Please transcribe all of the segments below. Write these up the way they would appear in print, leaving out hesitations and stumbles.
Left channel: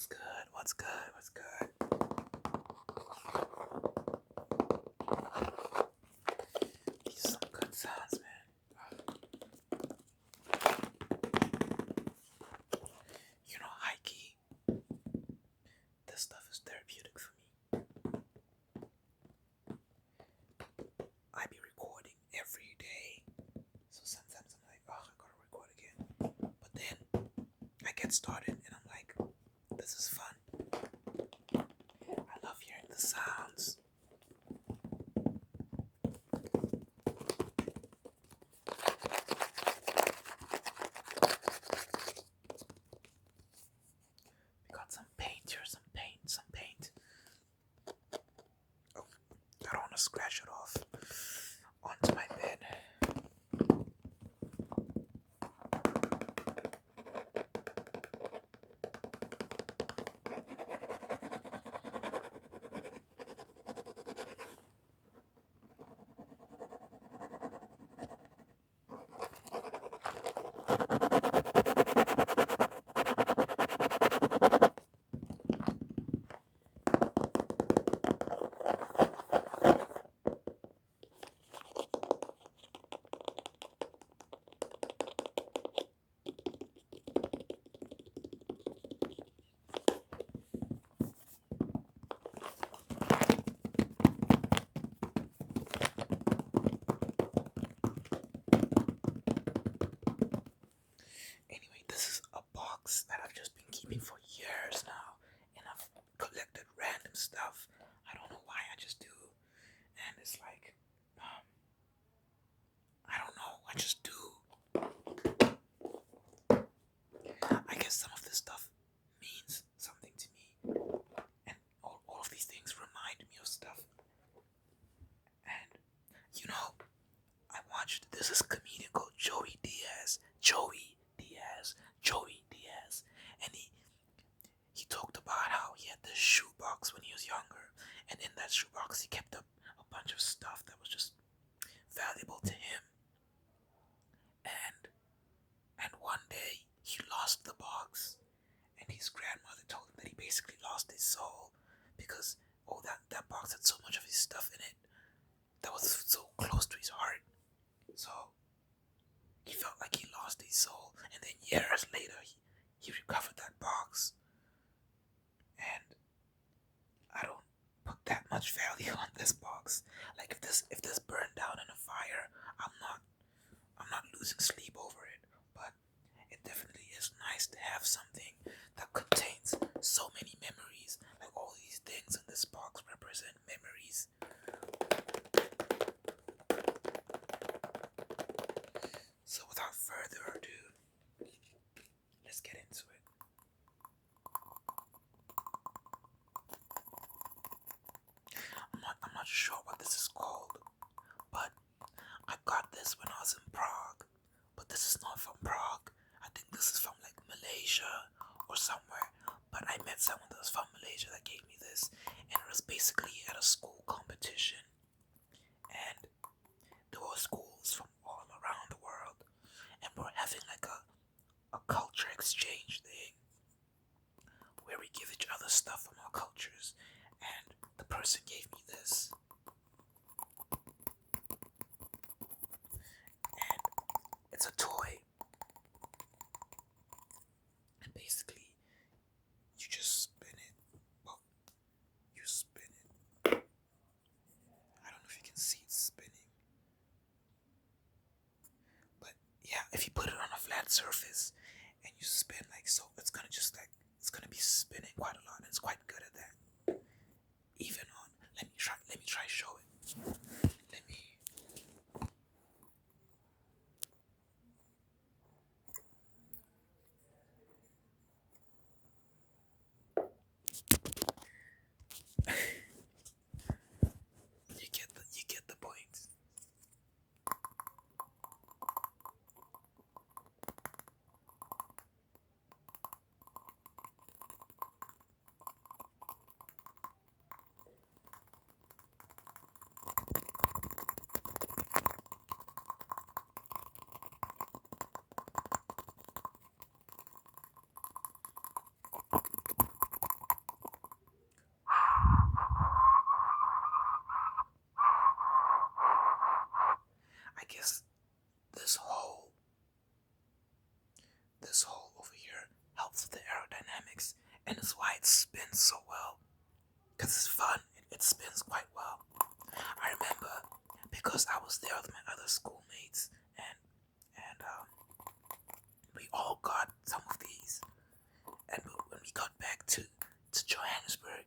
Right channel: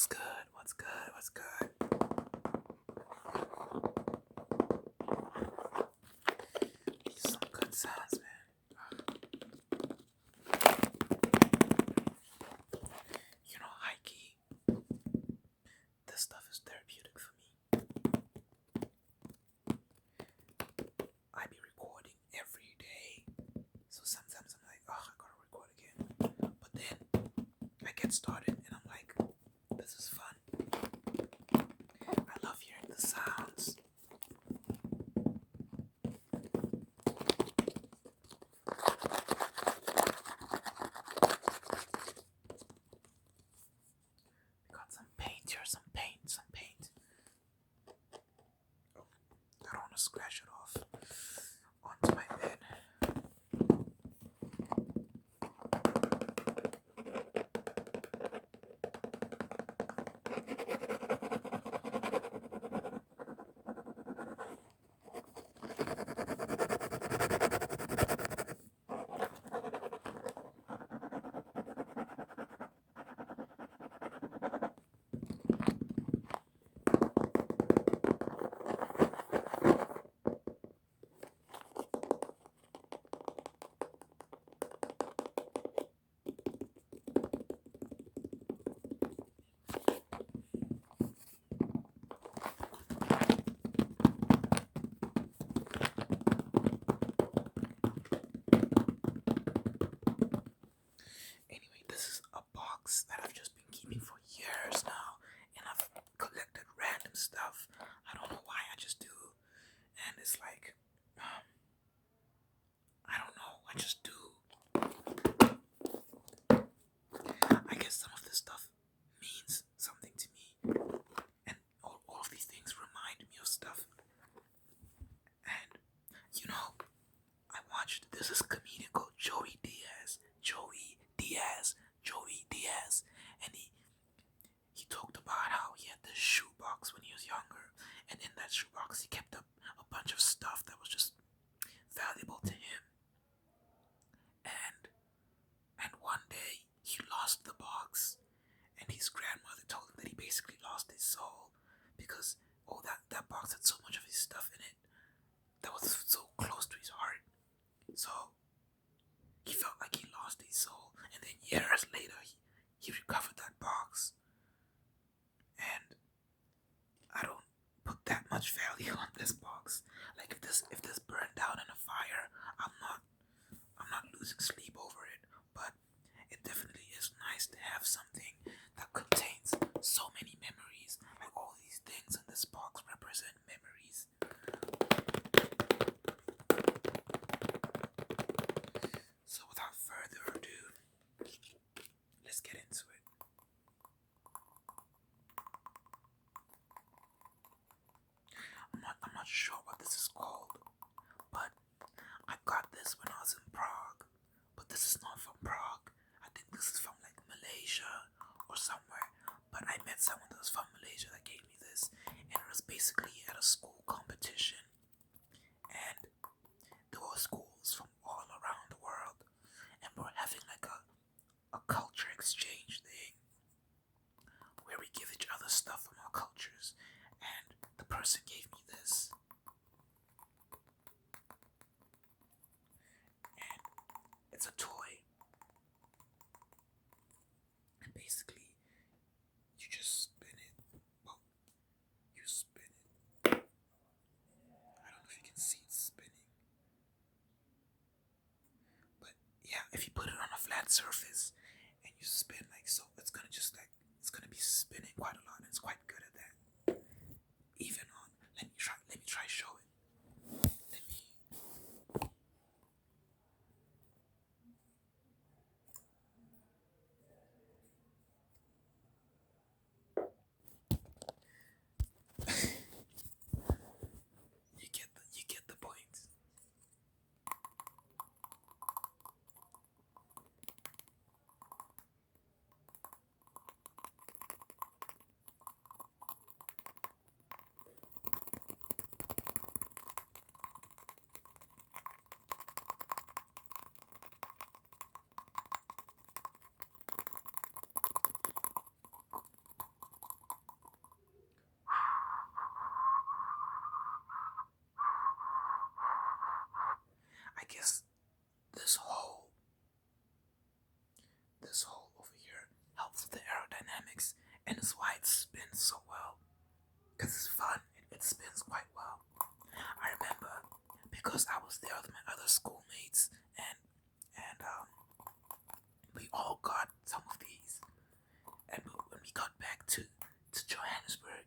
What's good? What's good? What's good? Some good sounds, man. High key, this stuff is therapeutic for me. I be recording every day, so sometimes I'm like, oh, I gotta record again. But then I get started and I'm like, this is fun. I love hearing the sounds. We got some paint here, some paint. Oh, I don't want to scratch it off onto my bed. Anyway, this is a box that I've just been keeping for years now, and I've collected random stuff. I don't know why, I just do. And it's like, I don't know, I just do. I guess some of this stuff means something to me, and all of these things remind me of stuff. And, I watched, this is a comedian called Joey Diaz, and he talked about how he had this shoebox when he was younger, and in that shoebox he kept a bunch of stuff that was just valuable to him. And one day he lost the box, and his grandmother told him that he basically lost his soul because that box had so much of his stuff in it that was so close to his heart. So he felt like he lost his soul, and then years later he recovered that box. And I don't put that much value on this box. Like if this burned down in a fire, I'm not losing sleep over it. But it definitely is nice to have something that contains so many memories. Like all these things in this box represent memories. So without further ado, let's get into it. I'm not sure what this is called, but I got this when I was in Prague. But this is not from Prague. I think this is from like Malaysia or somewhere. But I met someone that was from Malaysia that gave me this, and it was basically at a school competition. And there were schools from all around the world, and we're having like a culture exchange thing where we give each other stuff from our cultures. And the person gave me this. And it's a toy. And basically, you just spin it. Well, you spin it. I don't know if you can see it spinning. But yeah, if you put it on a flat surface and you spin like so, it's gonna be spinning quite a lot, and it's quite good at that. Even on, let me try show it. Let me. You get the point. spins so well because it's fun. It spins quite well. I remember because I was there with my other schoolmates, and we all got some of these. And when we got back to Johannesburg,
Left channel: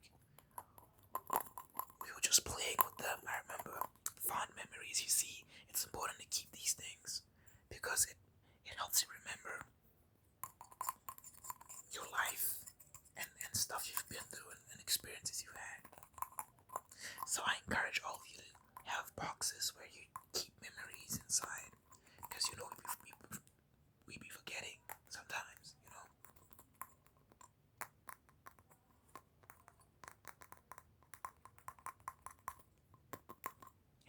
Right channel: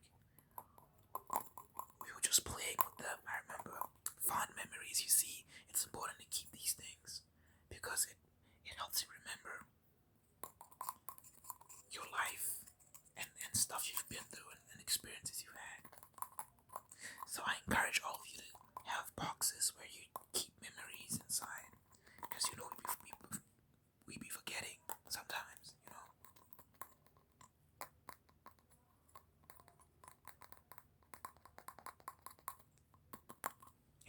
we were just playing with them. I remember fond memories. You see, it's important to keep these things because it helps you remember your life and stuff you've been through and experiences you've had. So I encourage all of you to have boxes where you keep memories inside because you know we be forgetting sometimes, you know.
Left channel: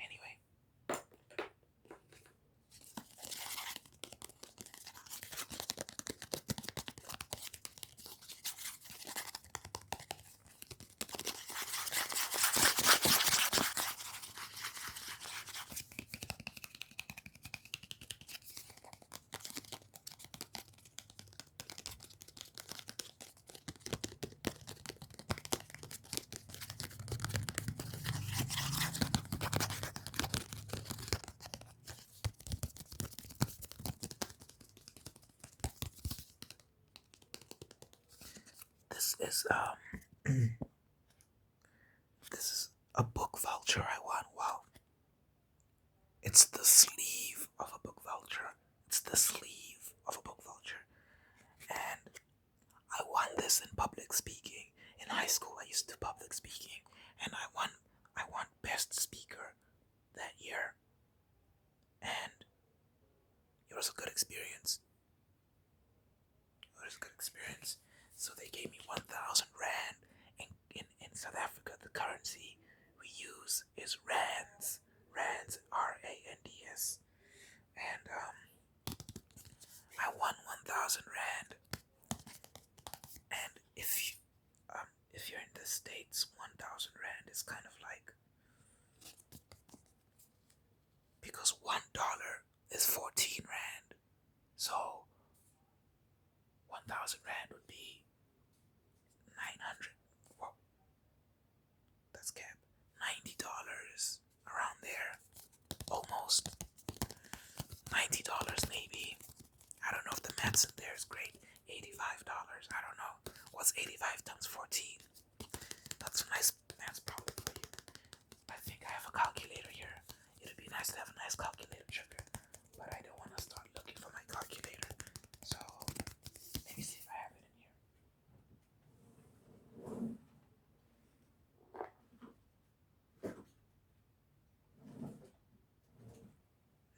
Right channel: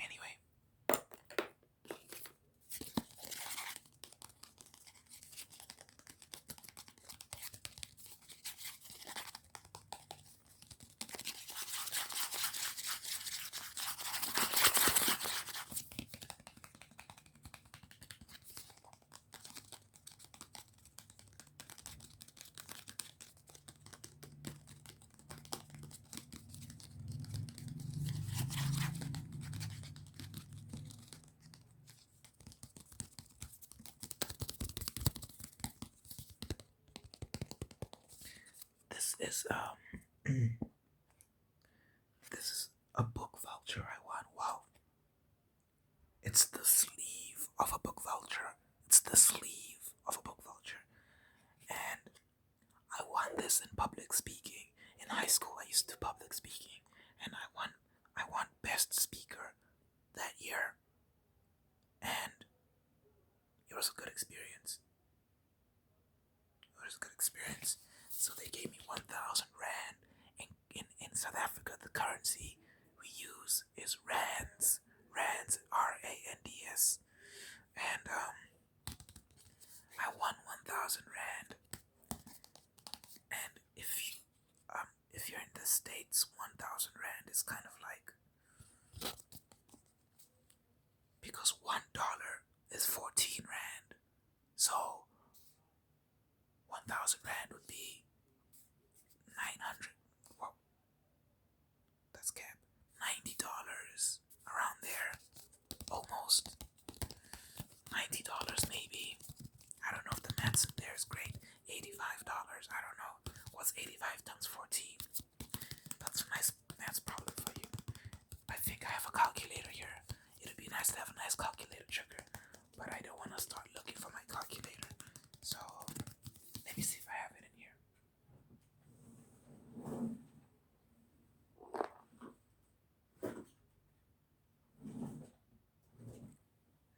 Anyway, this is this is a book voucher I won. Wow. It's the sleeve of a book voucher. It's the sleeve of a book voucher. And I won this in public speaking. In high school I used to public speaking and I won best speaker that year. And it was a good experience. It was a good experience. So they gave me 1,000 rand. In South Africa, the currency we use is rands. Rands, RANDS. And I won 1,000 rand. And if you're in the States, 1,000 rand is kind of like, because $1 is 14 rand. So 1,000 rand would be 900. Whoa, that's cap. $90 around there, almost. $90 maybe. I don't know if the maths in there is great. $85. I don't know. What's 85 times 14? That's a nice maths problem for you. I think I have a calculator here. It'd be nice to have a nice calculator trigger, but I don't want to start looking for my calculator. So let me see if I have it in here.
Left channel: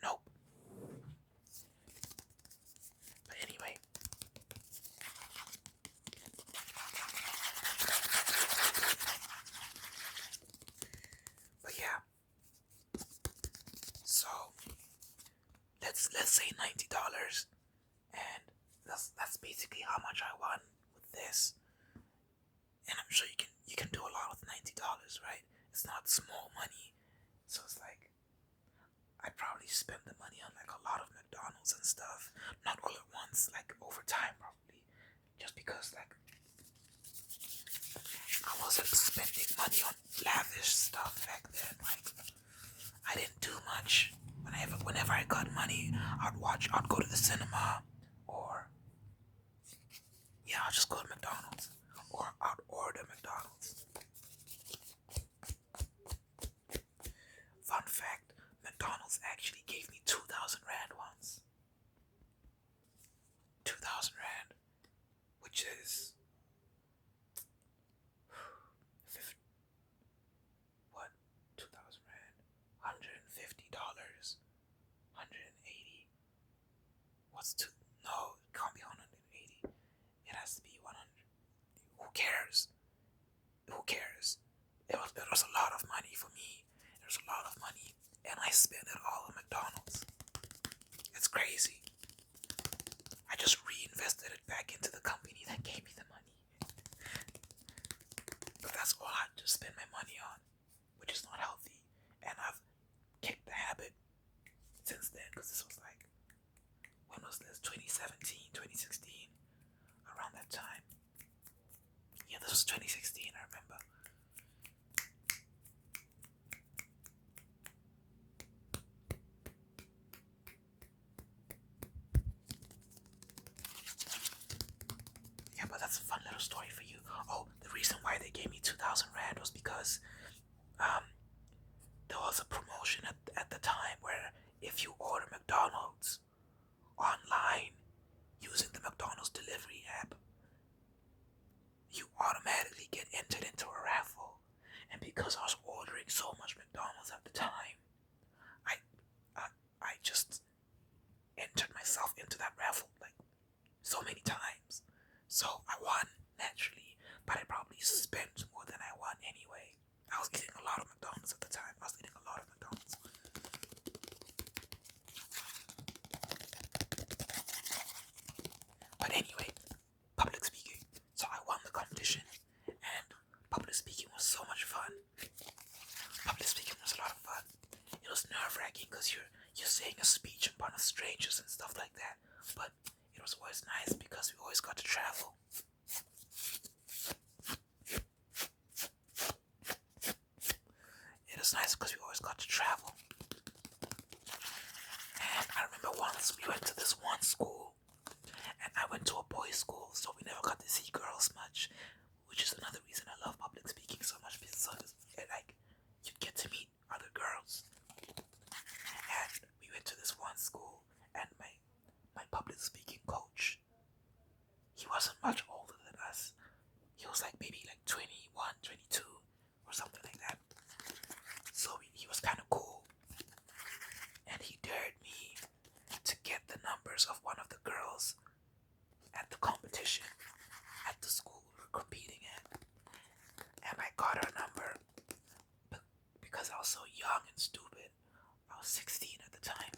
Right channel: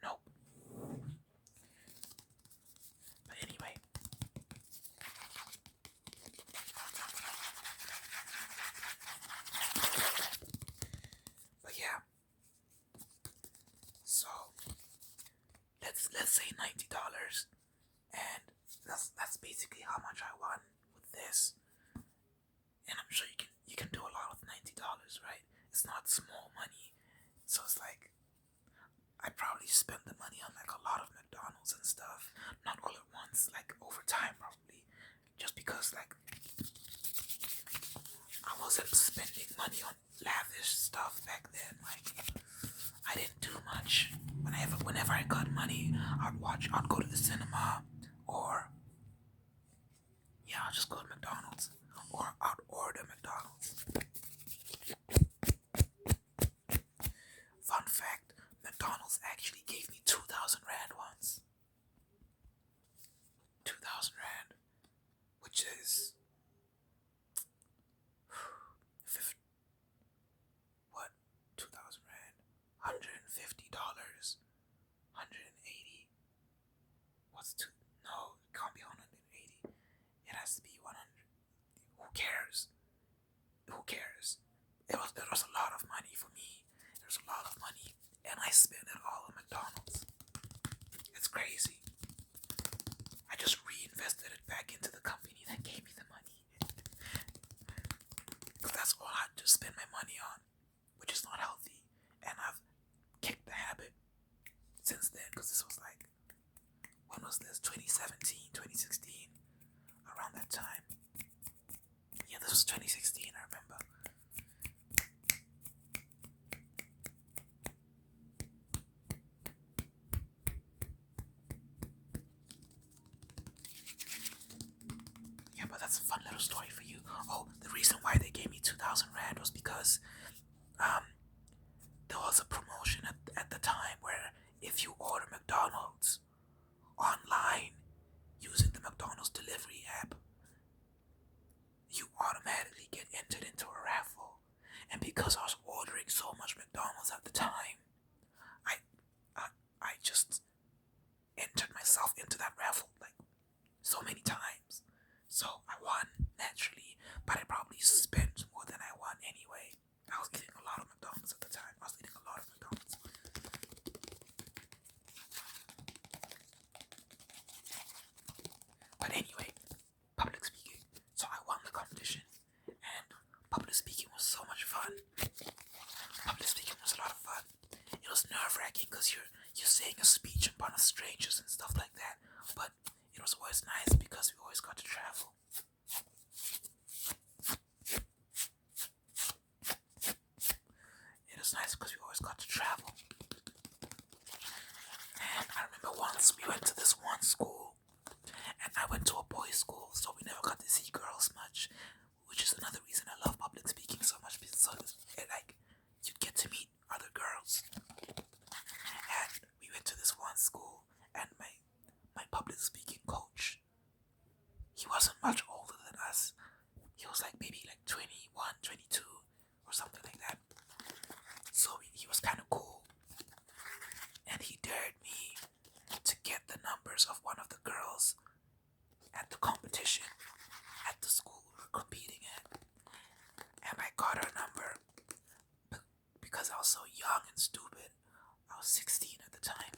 Nope. But anyway. But yeah. So let's say $90, and that's basically how much I won with this. And I'm sure you can do a lot with $90, right? It's not small money. So it's like I probably spent the money on like a lot of McDonald's and stuff. Not all at once, like over time probably. Just because like I wasn't spending money on lavish stuff back then. Like I didn't do much. Whenever I got money, I'd go to the cinema, or yeah, I'll just go to McDonald's, or I'd order McDonald's. Fun fact, McDonald's actually gave me 2,000 rand once. 2,000 rand, which is what? 2,000 rand, $150, 180. What's two? No, it can't be 180. It has to be 100. Who cares? Who cares? It was a lot of money for me. It was a lot of money, and I spent it all on McDonald's. It's crazy. I just reinvested it back into the company that gave me the money. Because that's all I just spend my money on, which is not healthy. And I've kicked the habit since then, because this was like, when was this? 2017, 2016, around that time. Yeah, This was 2016, I remember. Yeah, but that's a fun little story for you. Oh, the reason why they gave me 2,000 Rand was because there was a promotion at the time where if you order McDonald's online using the McDonald's delivery app, you automatically get entered into a raffle. And because I was ordering so much McDonald's at the time, I I just entered myself into that raffle like so many times. So I won naturally, but I probably spent more than I won anyway. I was eating a lot of McDonald's at the time. I was eating a lot of McDonald's. But anyway, public speaking. So I won the competition, and public speaking was so much fun. Public speaking was a lot of fun. It was nerve-wracking because you're saying a speech in front of strangers and stuff like that. But it was always nice because we always got to travel. It was nice because we always got to travel. And I remember once we went to this one school, and I went to a boys' school, so we never got to see girls much, which is another reason I love public speaking so much, because you get to meet other girls. And we went to this one school, and my public speaking coach, he wasn't much older than us. He was maybe 21, 22, or something like that. So he was kind of cool. And he dared me to get the numbers of one of the girls at the competition at the school we were competing at. And I got her number because I was so young and stupid. I was 16 at the time.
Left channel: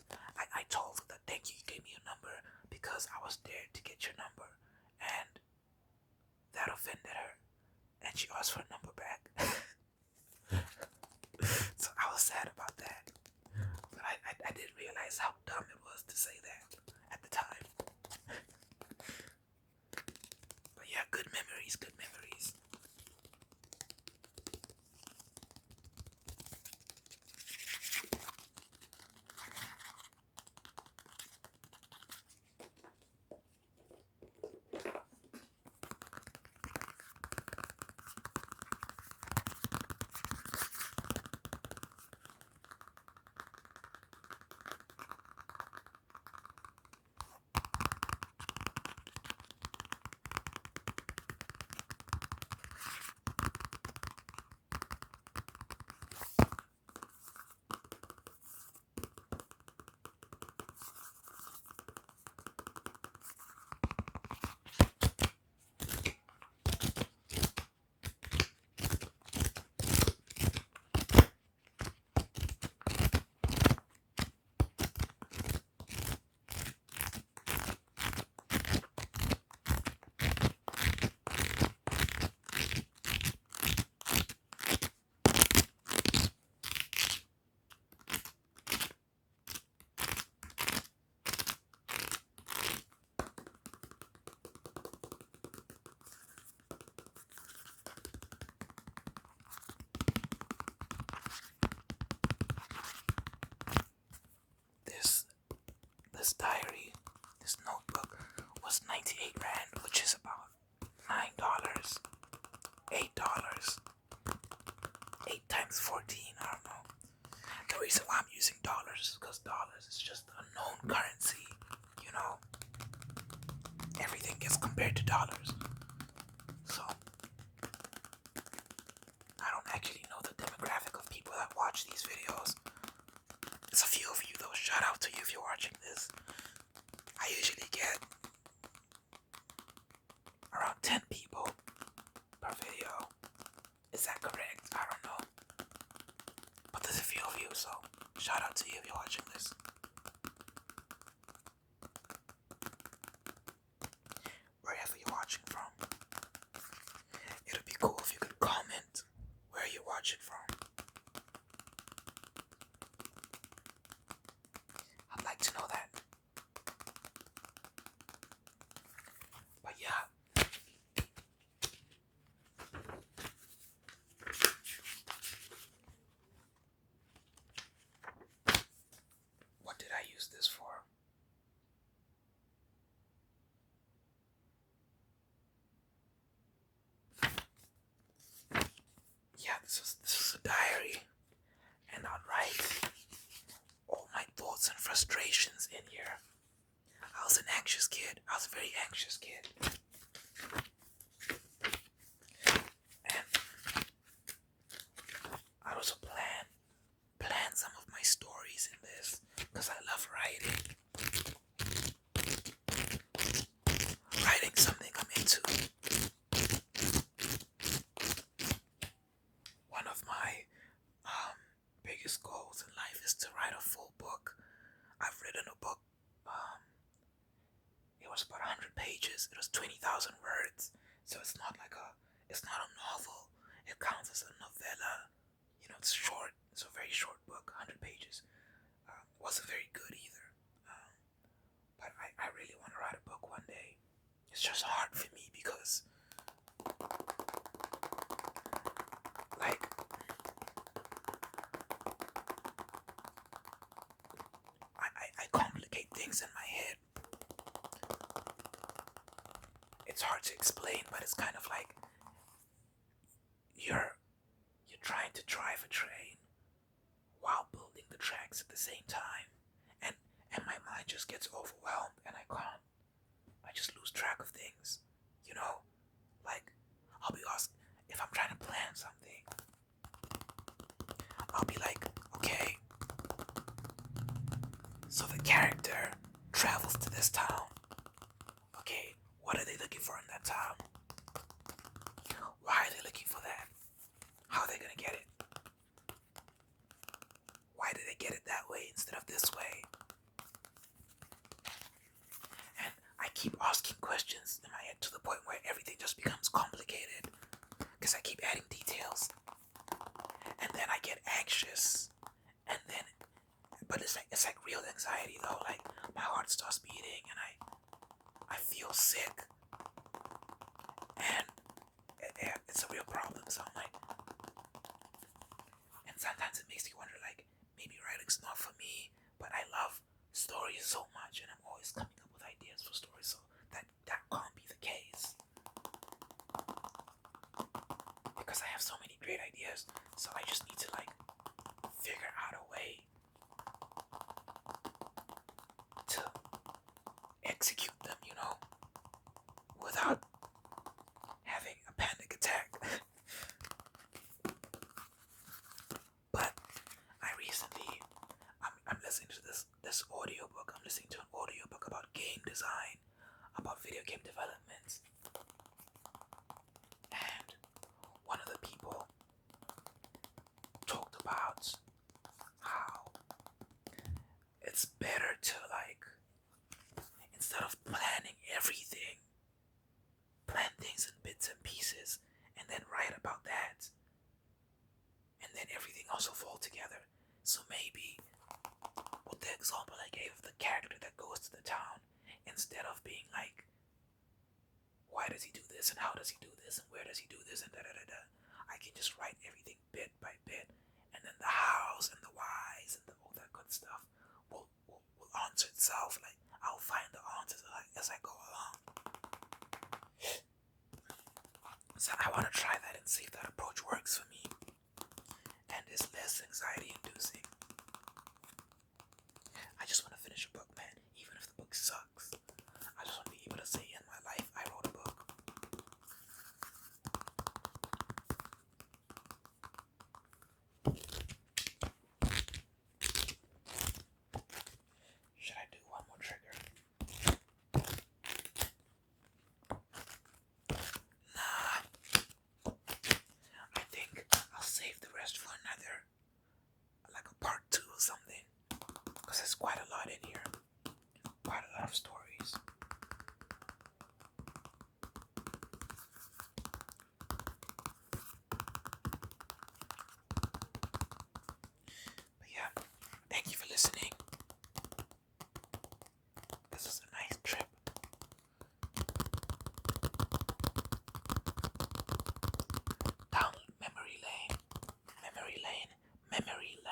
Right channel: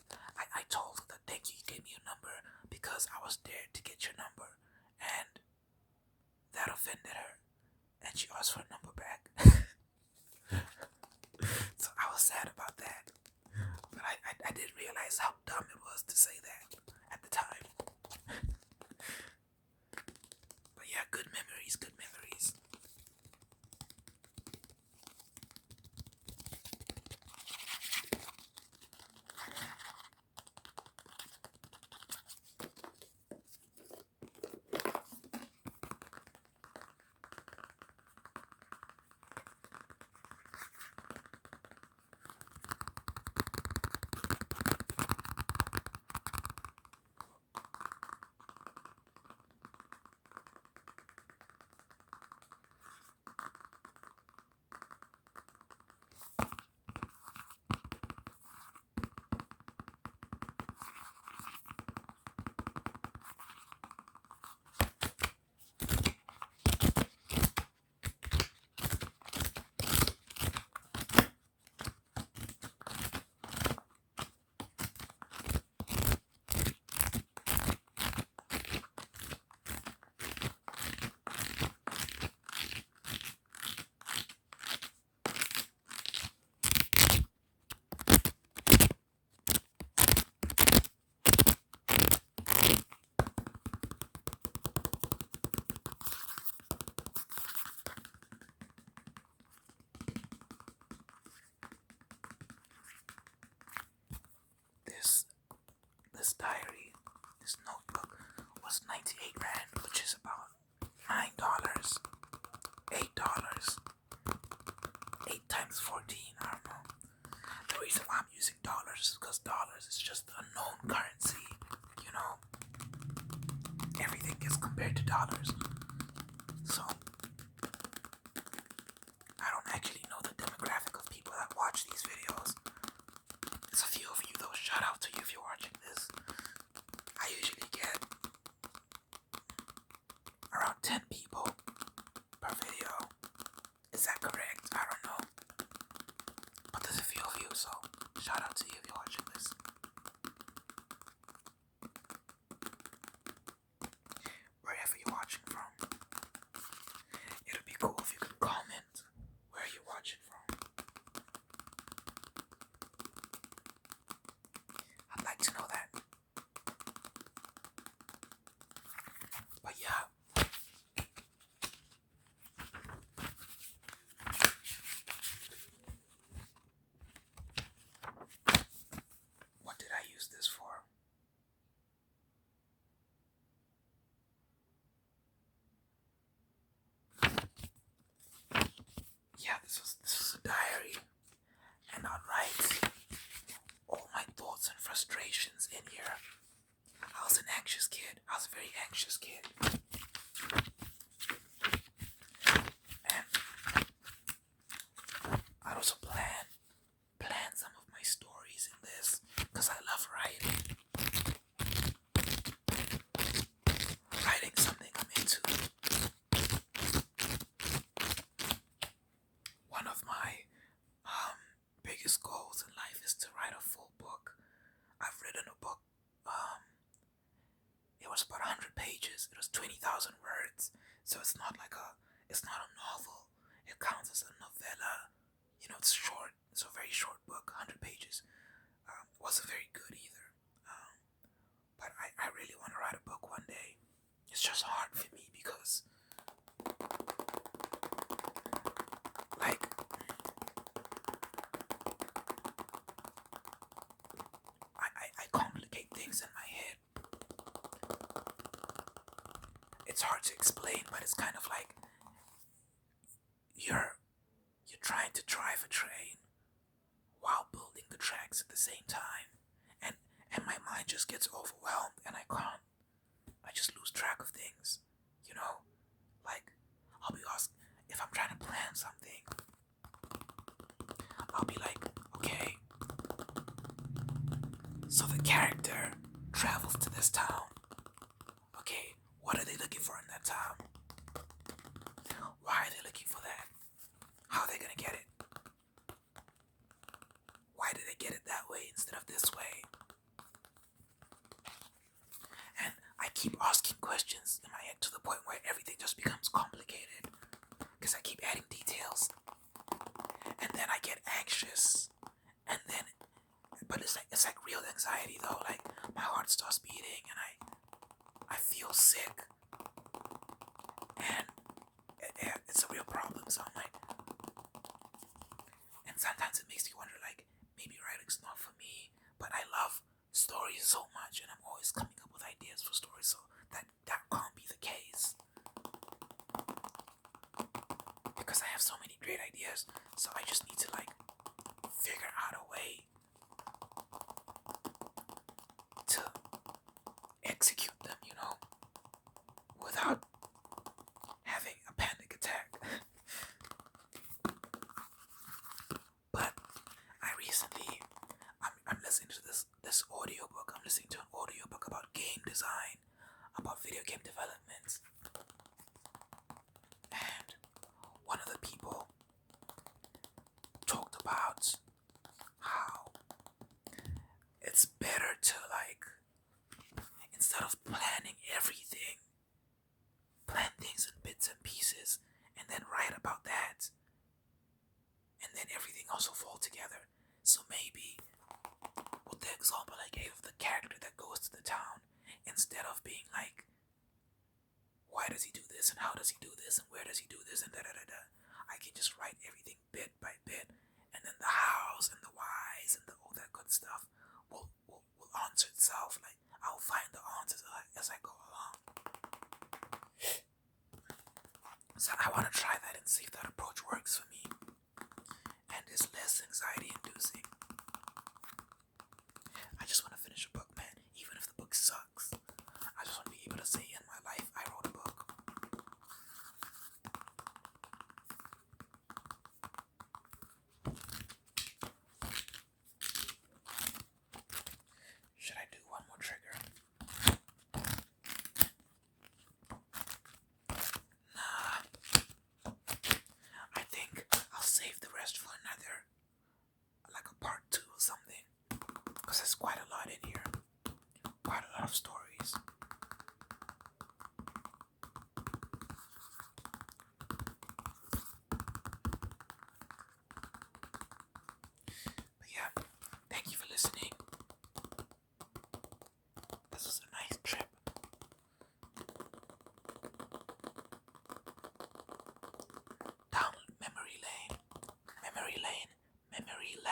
I told her that thank you gave me your number because I was dared to get your number. And that offended her. And she asked for a number back. So I was sad about that. But I didn't realize how dumb it was to say that at the time. But yeah, good memories, good memories. This diary, this notebook, was 98 Rand, which is about $9, $8, 8 times 14, I don't know. The reason why I'm using dollars is because dollars is just a known currency, you know. Everything gets compared to dollars. So, I don't actually know the demographic of people that watch these videos. There's a few of you though, shout out to you if you're watching this. I usually get around 10 people per video. Is that correct? I don't know. But there's a few of you, so shout out to you if you're watching this. Wherever you're watching from. It would be cool if you could comment where you're watching from. I'd like to know that. But yeah. yeah, this was a diary, and I'd write all my thoughts and frustrations in here. I was an anxious kid. I was a very anxious kid. And I also plan some of my stories in this because I love writing. Writing something I'm into. One of my biggest goals in life is to write a full book. I've written a book. It was about 100 pages. It was 20,000 words. So it's not a novel. It counts as a novella. It's short. It's a very short book, 100 pages. It wasn't very good either. But I really want to write a book one day. It's just hard for me because, like, I complicate things in my head. It's hard to explain, but it's kind of like you're trying to drive a train while building the tracks at the same time, and my mind just gets overwhelmed, and I just lose track of things. Like I'll be asked if I'm trying to plan something. I'll be like, okay, so the character travels to this town. Okay, what are they looking for in that town? Why are they looking for that? How are they gonna get it? Why did they get it that way instead of this way? And I keep asking questions in my head to the point where everything just becomes complicated because I keep adding details, and then I get anxious, and then, but it's like real anxiety though. Like my heart starts beating, and I feel sick, and it's a real problem. So I'm like, and sometimes it makes me wonder, like, maybe writing's not for me, but I love stories so much, and I'm always coming up with ideas for stories, so that can't be the case. Because I have so many great ideas, so I just need to, like, figure out a way to execute them, without having a panic attack. But I recently, I'm listening to this audiobook. I'm listening to an audiobook about game design, about video game development. And one of the people talked about how it's better to, like, instead of planning everything, plan things in bits and pieces and then write about that, and then everything also fall together. So maybe with the example I gave of the character that goes to the town, instead of being like, why does he do this and how does he do this and where does he do this and I can just write everything bit by bit, and then the hows and the whys and all that good stuff will answer itself. Like I'll find the answers as I go along. So I want to try that and see if that approach works for me and is less anxiety inducing. I just want to finish a book, man, even if the book sucks. I just want to be able to say in my life I wrote a book. Should I do one more trigger? Nah. I think I'll save the rest for another, like a part 2 or something. Because there's quite a lot in here. Quite a lot of stories. But yeah, thank you for listening. This was a nice trip. Down memory lane. Memory lane. Memory lane.